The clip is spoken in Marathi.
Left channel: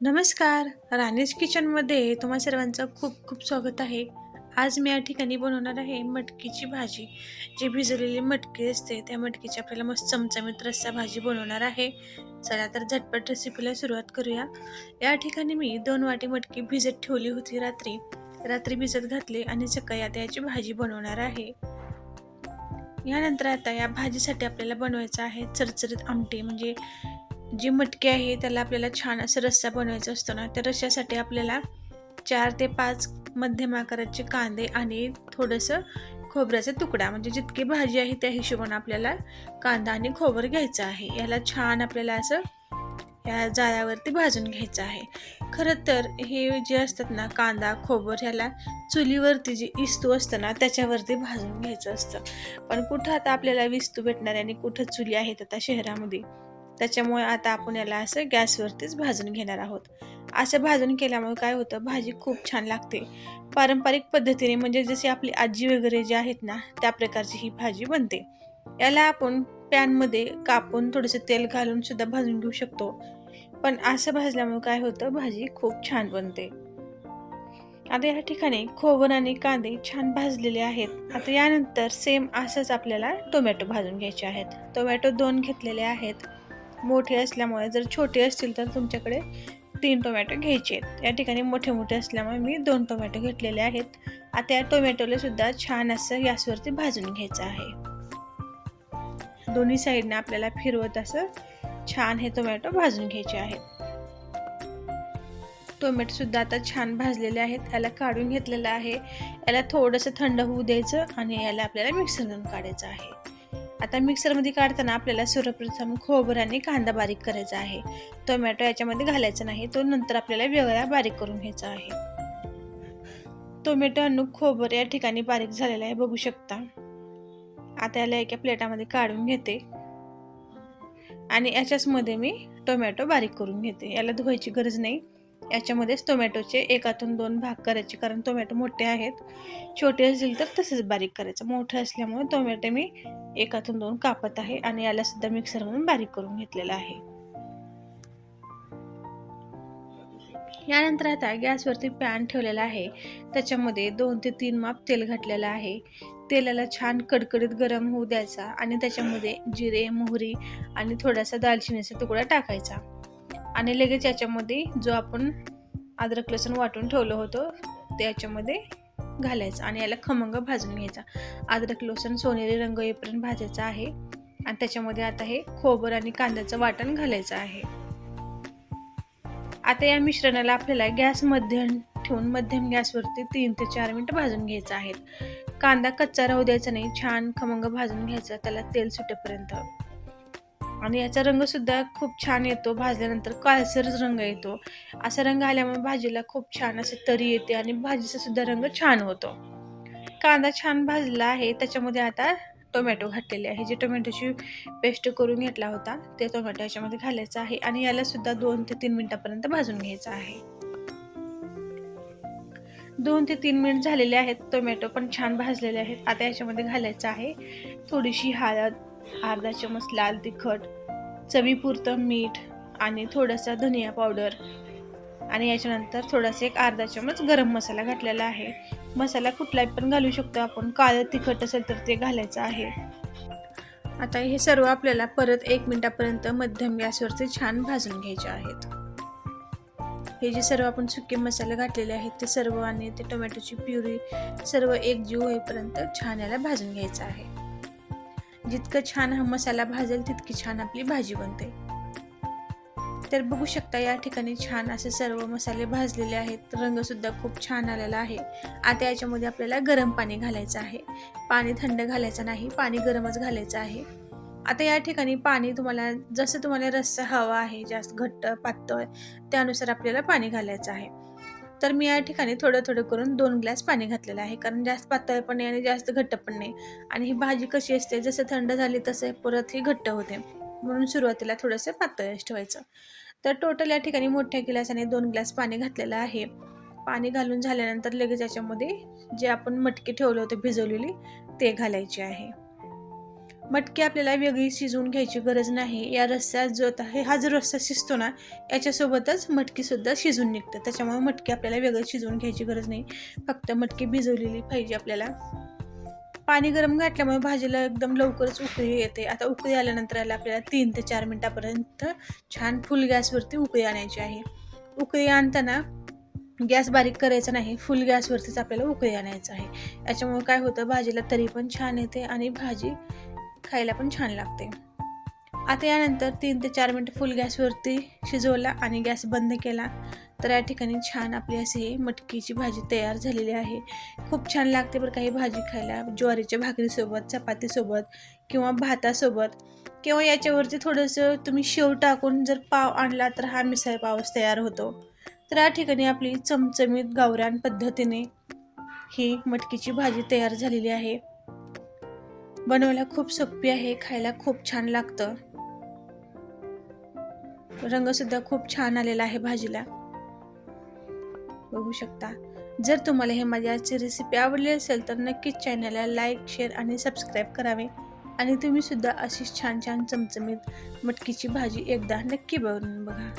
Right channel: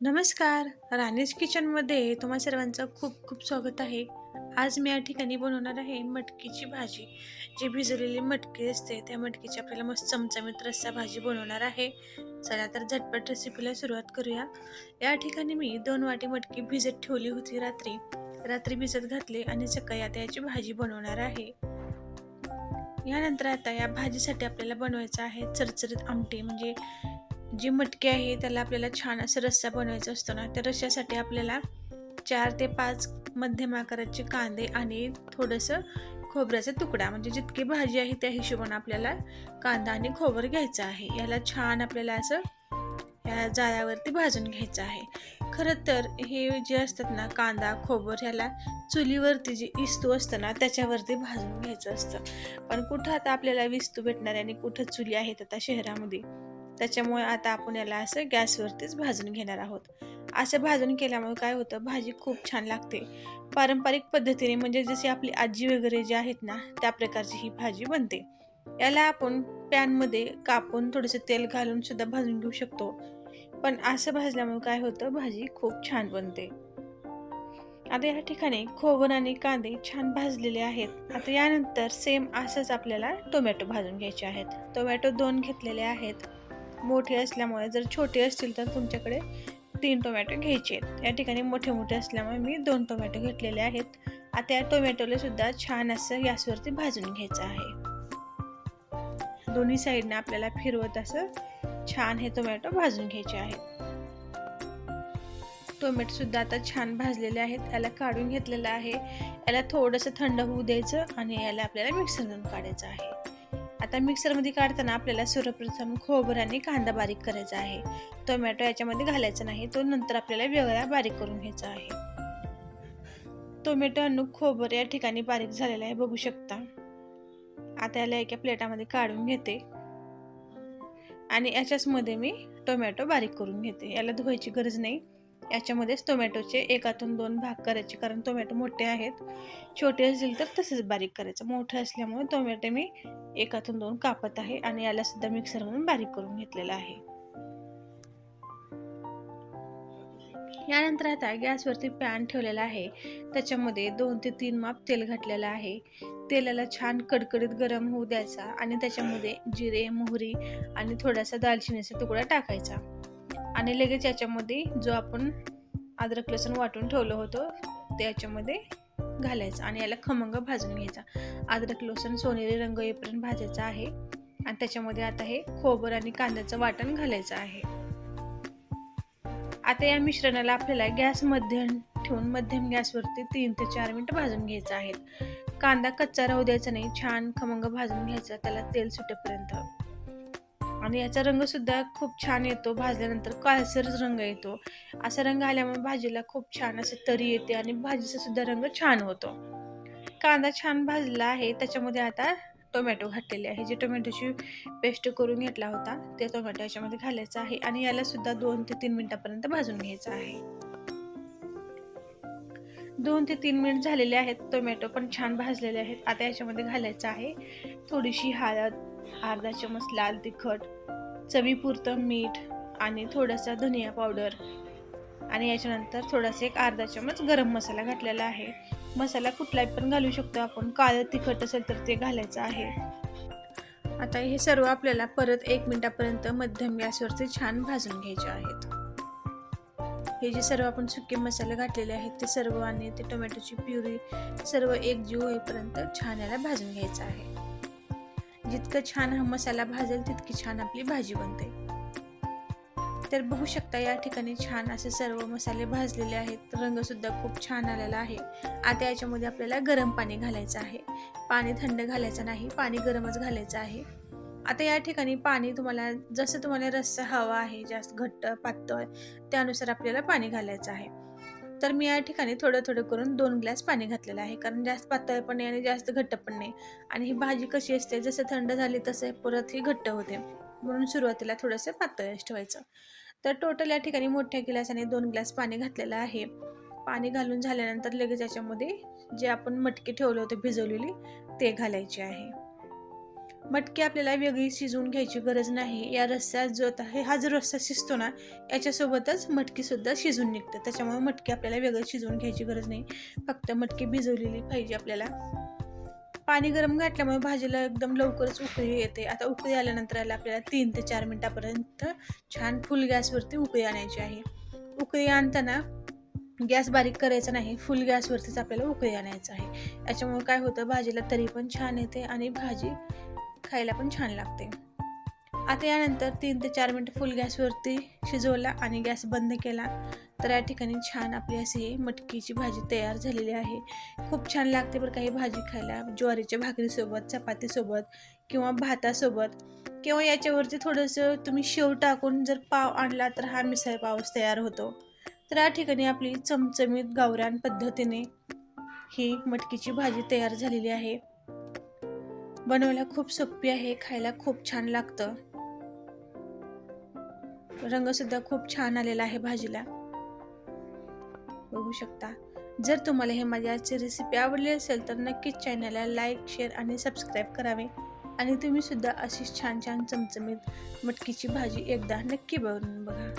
नमस्कार. राणीज किचनमध्ये तुम्हा सर्वांचं खूप खूप स्वागत आहे. आज मी या ठिकाणी बनवणार आहे मटकीची भाजी. जी भिजवलेली मटकी असते त्या मटकीची आपल्याला मस्त चमचमीत रस्सा भाजी बनवणार आहे. चला तर झटपट रेसिपीला सुरुवात करूया. या ठिकाणी मी 2 वाटी मटकी भिजत ठेवली होती रात्री. रात्री भिजत घातली आणि सकाळी आता याची भाजी बनवणार आहे. यानंतर आता या भाजीसाठी आपल्याला बनवायचं आहे चरचरीत आमटी. म्हणजे जी मटकी आहे त्याला आपल्याला छान असं रस्सा बनवायचा असतो ना, त्या रश्श्यासाठी आपल्याला 4 ते 5 मध्यम आकाराचे कांदे आणि थोडंसं खोबऱ्याचा तुकडा, म्हणजे जितकी भाजी आहे त्या हिशोबाने आपल्याला कांदा आणि खोबरं घ्यायचं आहे. याला छान आपल्याला असं या जाळ्यावरती भाजून घ्यायचं आहे. खरं तर हे जे असतात ना कांदा, खोबरं, ह्याला चुलीवरती जी इस्तू असतं ना त्याच्यावरती भाजून घ्यायचं असतं. पण कुठं आता आपल्याला विस्तू भेटणार आहे आणि कुठं चुली आहेत आता शहरामध्ये. त्याच्यामुळे आता आपण याला असं गॅसवरतीच भाजून घेणार आहोत. असं भाजून केल्यामुळे काय होतं, भाजी खूप छान लागते. पारंपरिक पद्धतीने म्हणजे जशी आपली आजी वगैरे जे आहेत ना त्या प्रकारची ही भाजी बनते. याला आपण पॅनमध्ये कापून थोडंसं तेल घालून सुद्धा भाजून घेऊ शकतो. पण असं भाजल्यामुळे काय होतं, भाजी खूप छान बनते. आता या ठिकाणी खोबरं आणि कांदे छान भाजलेले आहेत. आता यानंतर सेम असंच आपल्याला टोमॅटो भाजून घ्यायचे आहेत. टोमॅटो 2 घेतलेले आहेत. मोठे असल्यामुळे, जर छोटे असतील तर तुमच्याकडे 3 टोमॅटो घ्यायचे आहेत. या ठिकाणी मोठे असल्यामुळे मी 2 टोमॅटो घेतलेले आहेत. आता या टोमॅटोला सुद्धा छान असं गॅसवरती भाजून घ्यायचं आहे. दोन्ही साईडने आपल्याला फिरवत असं छान हे टोमॅटो भाजून घ्यायचे आहेत. टोमॅटो सुद्धा आता छान भाजलेले आहेत. याला काढून घेतलेलं आहे. याला थोडंसं थंड होऊ द्यायचं आणि याला आपल्याला मिक्सरमधून काढायचं आहे. आता मिक्सरमध्ये काढताना आपल्याला सर्वप्रथम खोबरं आणि कांदा बारीक करायचा आहे. टोमॅटो याच्यामध्ये घालायचा नाही, तो नंतर आपल्याला वेगळा बारीक करून घ्यायचा आहे. टोमॅटो आणि खोबरं या ठिकाणी बारीक झालेलं आहे, बघू शकता. आता याला एका प्लेटामध्ये काढून घेते आणि याच्याचमध्ये मी टोमॅटो बारीक करून घेते. याला धुवायची गरज नाही. याच्यामध्येच टोमॅटोचे एकातून 2 भाग करायचे, कारण टोमॅटो मोठे आहेत. छोटे असतील तर तसंच बारीक करायचं. मोठे असल्यामुळे टोमॅटो मी एकातून 2 कापत आहे आणि याला सुद्धा मिक्सरमधून बारीक करून घेतलेलं आहे. यानंतर आता गॅसवरती पॅन ठेवलेला आहे. त्याच्यामध्ये 2 ते 3 माप तेल घातलेलं आहे. तेलाला छान कडकडीत गरम होऊ द्यायचा आणि त्याच्यामध्ये जिरे, मोहरी आणि थोडासा दालचिनीचा तुकडा टाकायचा आणि लगेच याच्यामध्ये जो आपण अद्रक लसूण वाटून ठेवलं होतं ते याच्यामध्ये घालायचं आणि याला खमंग भाजून घ्यायचा. अद्रक लसूण सोनेरी रंग येईपर्यंत भाजायचा आहे आणि त्याच्यामध्ये आता हे खोबरं आणि कांद्याचं वाटण घालायचं आहे. आता या मिश्रणाला आपल्याला गॅस मध्यम ठेवून मध्यम गॅसवरती 3 ते 4 मिनिटं भाजून घ्यायचं आहे. कांदा कच्चा राहू द्यायचा नाही, छान खमंग भाजून घ्यायचा त्याला तेल सुटेपर्यंत. आणि याचा रंग सुद्धा खूप छान येतो, भाजल्यानंतर काळसर रंग येतो. असा रंग आल्यामुळे भाजीला खूप छान अशी तरी येते आणि भाजीचा सुद्धा रंग छान होतो. कांदा छान भाजला आहे. त्याच्यामध्ये आता टोमॅटो घातलेले आहे. जे टोमॅटोची पेस्ट करून घेतला होता ते टोमॅटो याच्यामध्ये घालायचं आहे आणि याला सुद्धा 2 ते 3 मिनिटापर्यंत भाजून घ्यायचं आहे. 2 ते 3 मिनिट झालेले आहेत. टोमॅटो पण छान भाजलेले आहेत. आता याच्यामध्ये घालायचं आहे थोडीशी हळद, अर्धा चमच लाल तिखट, चवीपुरतं मीठ आणि थोडासा धनिया पावडर आणि याच्यानंतर थोडासा एक अर्धा चमच गरम मसाला घातलेला आहे. मसाला कुठलाही पण घालू शकतो आपण. काळं तिखट असेल तर ते घालायचं आहे. आता हे सर्व आपल्याला परत 1 मिनिटापर्यंत मध्यम गॅसवरती छान भाजून घ्यायचे आहेत. हे जे सर्व आपण सुके मसाले घातलेले आहेत ते सर्व आणि ते टोमॅटोची प्युरी सर्व एकजीव होईपर्यंत छान याला भाजून घ्यायचं आहे. जितकं छान हा मसाला भाजेल तितकी छान आपली भाजी बनते. तर बघू शकता या ठिकाणी छान असे सर्व मसाले भाजलेले आहेत. रंग सुद्धा खूप छान आलेला आहे. आता याच्यामध्ये आपल्याला गरम पाणी घालायचं आहे. पाणी थंड घालायचं नाही, पाणी गरमच घालायचं आहे. आता या ठिकाणी पाणी तुम्हाला जसं तुम्हाला रस्सा हवा आहे, जास्त घट्ट पातळ, त्यानुसार आपल्याला पाणी घालायचं आहे. तर मी या ठिकाणी थोडं करून 2 ग्लास पाणी घातलेलं आहे, कारण जास्त पातळ पण नाही आणि जास्त घट्ट पण नाही. आणि ही भाजी कशी असते, जसं थंड झाली तसं परत ही घट्ट होते, म्हणून सुरुवातीला थोडंसं पातळच ठेवायचं. तर टोटल या ठिकाणी मोठ्या गिलासाने 2 ग्लास पाणी घातलेलं आहे. पाणी घालून झाल्यानंतर लगेच याच्यामध्ये जे आपण मटकी ठेवलं होतं भिजवलेली ते घालायची आहे. मटकी आपल्याला वेगळी शिजवून घ्यायची गरज नाही. या रस्स्यात जो आहे हा जो रस्सा शिजतो ना, याच्यासोबतच मटकीसुद्धा शिजून निघते. त्याच्यामुळे मटकी आपल्याला वेगळं शिजवून घ्यायची गरज नाही. फक्त मटकी भिजवलेली पाहिजे आपल्याला. पाणी गरम घातल्यामुळे भाजीला एकदम लवकरच उकळी येते. आता उकळी आल्यानंतर याला आपल्याला 3 ते 4 मिनिटापर्यंत छान फुल गॅसवरती उकळी आणायची आहे. उकळी आणताना गॅस बारीक करायचा नाही, फुल गॅसवरतीच आपल्याला उकळी आणायचं आहे. याच्यामुळे काय होतं, भाजीला तरी पण छान येते आणि भाजी खायला पण छान लागते. आता यानंतर 3 ते 4 मिनिट फुल गॅसवरती शिजवला आणि गॅस बंद केला, तर या ठिकाणी छान आपली अशी मटकीची भाजी तयार झालेली आहे. खूप छान लागते बरं का ही भाजी खायला, ज्वारीच्या भाकरीसोबत, चपातीसोबत किंवा भातासोबत, किंवा याच्यावरती थोडंसं तुम्ही शेव टाकून जर पाव आणला तर हा मिसळ पावच तयार होतो. तर या ठिकाणी आपली चमचमीत गावरान पद्धतीने ही मटकीची भाजी तयार झालेली आहे. बनवायला खूप सोपी आहे, खायला खूप छान लागतं. रंगसुद्धा खूप छान आलेला आहे भाजीला, बघू शकता. जर तुम्हाला हे माझी आजची रेसिपी आवडली असेल तर नक्कीच चॅनलला लाईक, शेअर आणि सबस्क्राईब करावे. आणि तुम्ही सुद्धा अशीच छान छान चमचमीत मटकीची भाजी एकदा नक्की बनवून बघा.